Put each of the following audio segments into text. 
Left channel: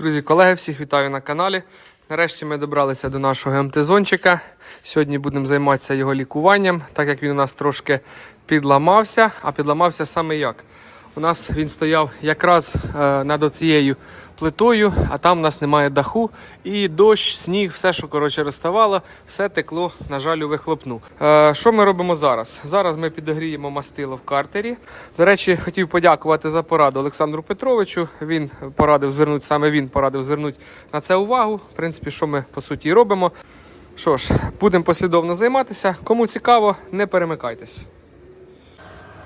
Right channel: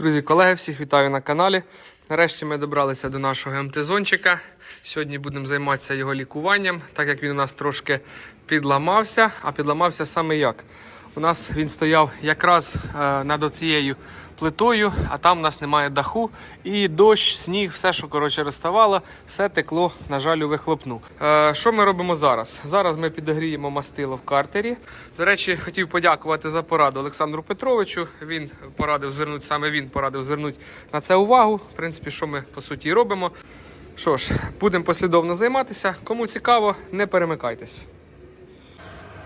Друзі, колеги, всіх вітаю на каналі. Нарешті ми добралися до нашого МТ-зончика. Сьогодні будемо займатися його лікуванням, так як він у нас трошки підламався, а підламався саме як. У нас він стояв якраз е, над цією плитою, а там у нас немає даху. І дощ, сніг, все, що коротше розставало, все текло, на жаль, у вихлопну. Е, що ми робимо зараз? Зараз ми підогріємо мастило в картері. До речі, хотів подякувати за пораду Олександру Петровичу. Він порадив звернути, саме він порадив звернути на це увагу. В принципі, що ми по суті робимо. Що ж, будемо послідовно займатися. Кому цікаво, не перемикайтесь.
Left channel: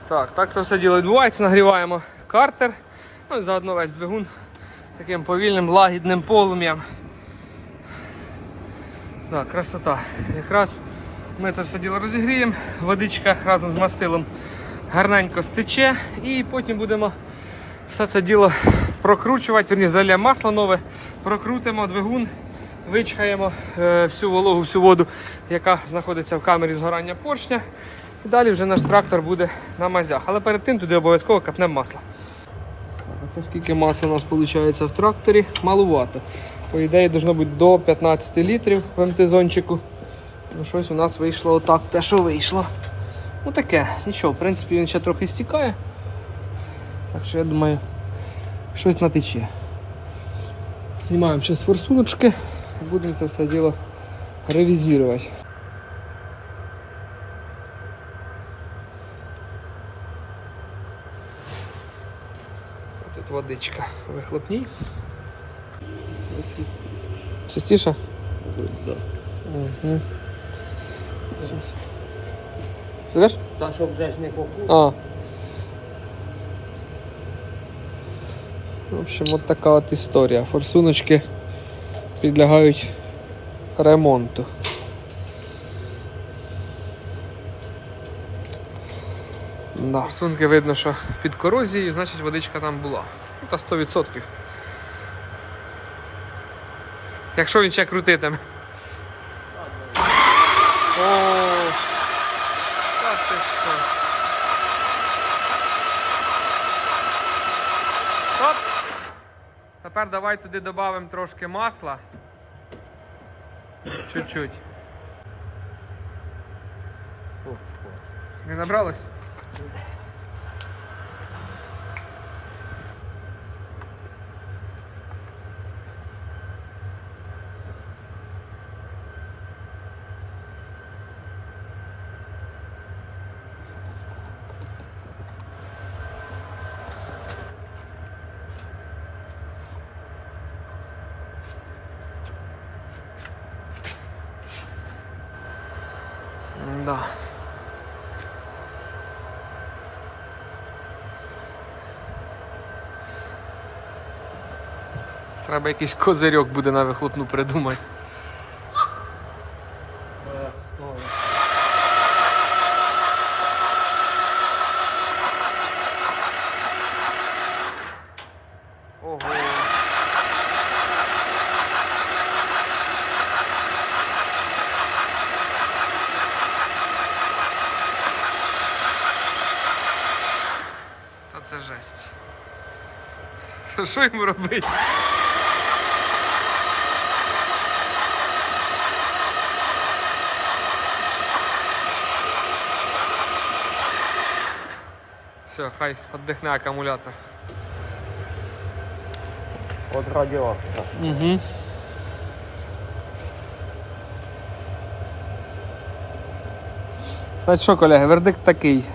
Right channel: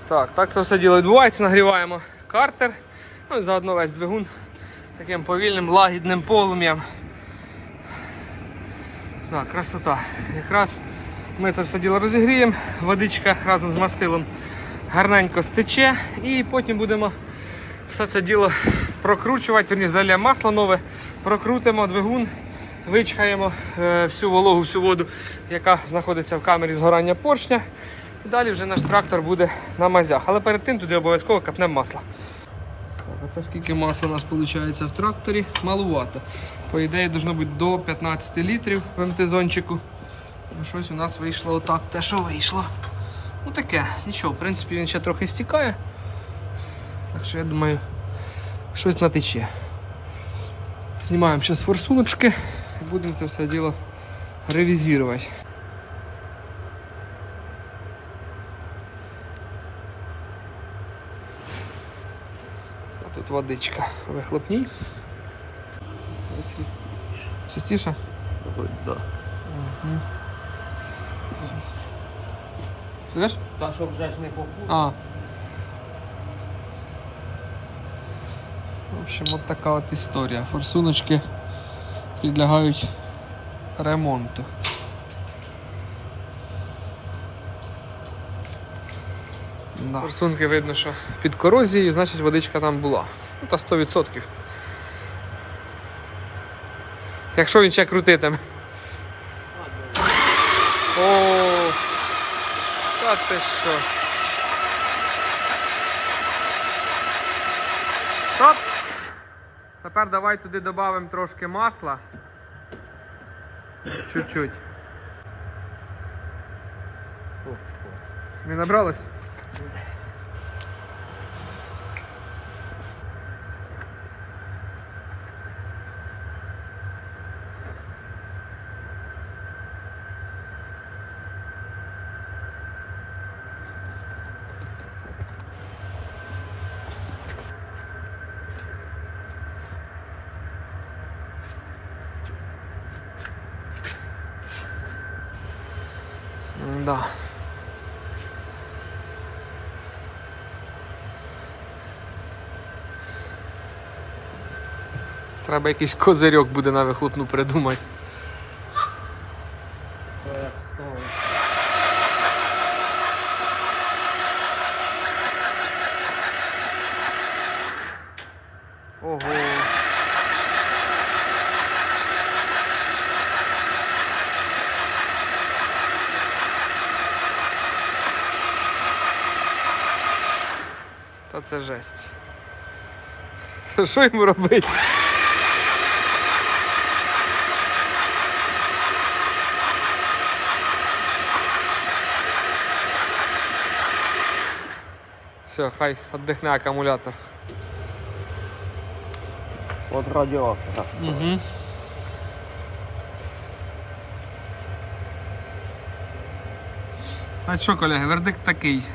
Так, так це все діло відбувається. Нагріваємо картер. Ну і заодно весь двигун таким повільним лагідним полум'ям. Так, красота. Якраз ми це все діло розігріємо, водичка разом з мастилом гарненько стече і потім будемо все це діло прокручувати, верні заля масло нове, прокрутимо двигун, вичхаємо е, всю вологу, всю воду, яка знаходиться в камері згорання поршня. І далі вже наш трактор буде на мазях. Але перед тим туди обов'язково капнемо масло. Так, а це скільки масла у нас виходить в тракторі? Малувато. По ідеї, должно бути до 15 літрів в МТ-зончику. Ну, щось у нас вийшло отак, те, що вийшло. Ну таке, нічого, в принципі, він ще трохи стікає. Так що я думаю, щось натече. Знімаємо зараз форсуночки і будемо це все діло ревізувати. Тут водичка вихлопній. Чистіше? Да. Угу. Видиш? Та щоб вже не. А. В общем, от така от історія. Форсуночки підлягають ремонту. Да. Форсунки видно, що під корозією, значить водичка там була. Ну та 100%. Якщо він ще крутитиме. О, та ти що? Стоп! Тепер давай туди додамо трошки масла. Чуть-чуть. Не набралось? 감사합니다. Треба якийсь козирьок буде на вихлопну придумати. Ого. Та це жесть. Що йому робити? Все, хай віддихне акумулятор. От радіатора. Угу. Значить що, колеги, вердикт такий.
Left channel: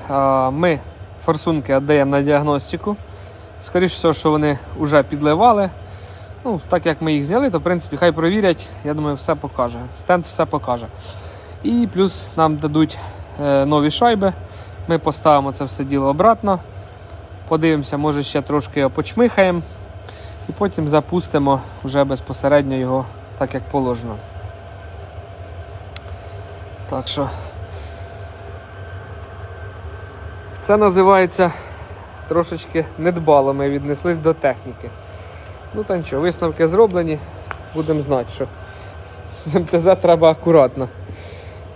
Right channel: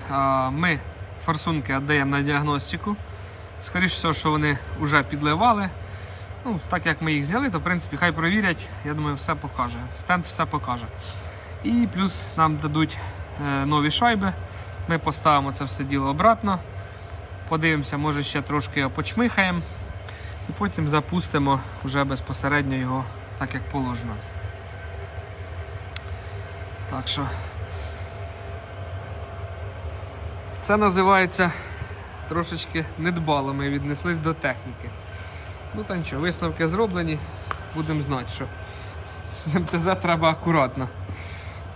Ми форсунки віддаємо на діагностику. Скоріше всього, що вони вже підливали. Ну, Так як ми їх зняли, то в принципі хай провірять, я думаю, все покаже. Стенд все покаже. І плюс нам дадуть е, нові шайби. Ми поставимо це все діло обратно. Подивимося, може ще трошки його почмихаємо. І потім запустимо вже безпосередньо його так, як положено. Так що це називається трошечки недбало ми віднеслись до техніки. Ну та нічого, висновки зроблені, будемо знати, що з МТЗ треба акуратно.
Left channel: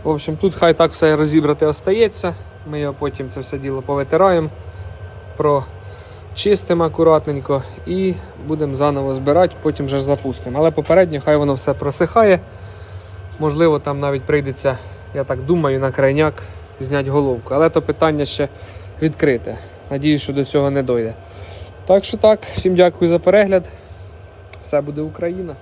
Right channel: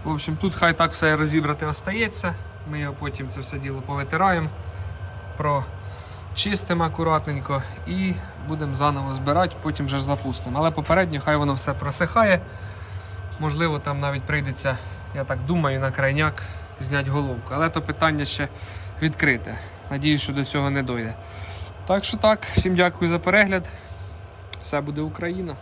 В общем, тут хай так все розібрати остається. Ми його потім це все діло повитираємо, чистимо акуратненько і будемо заново збирати, потім вже запустимо. Але попередньо хай воно все просихає. Можливо, там навіть прийдеться, я так думаю, на крайняк зняти головку. Але то питання ще відкрите. Надіюсь, що до цього не дойде. Так що так, всім дякую за перегляд. Все буде Україна.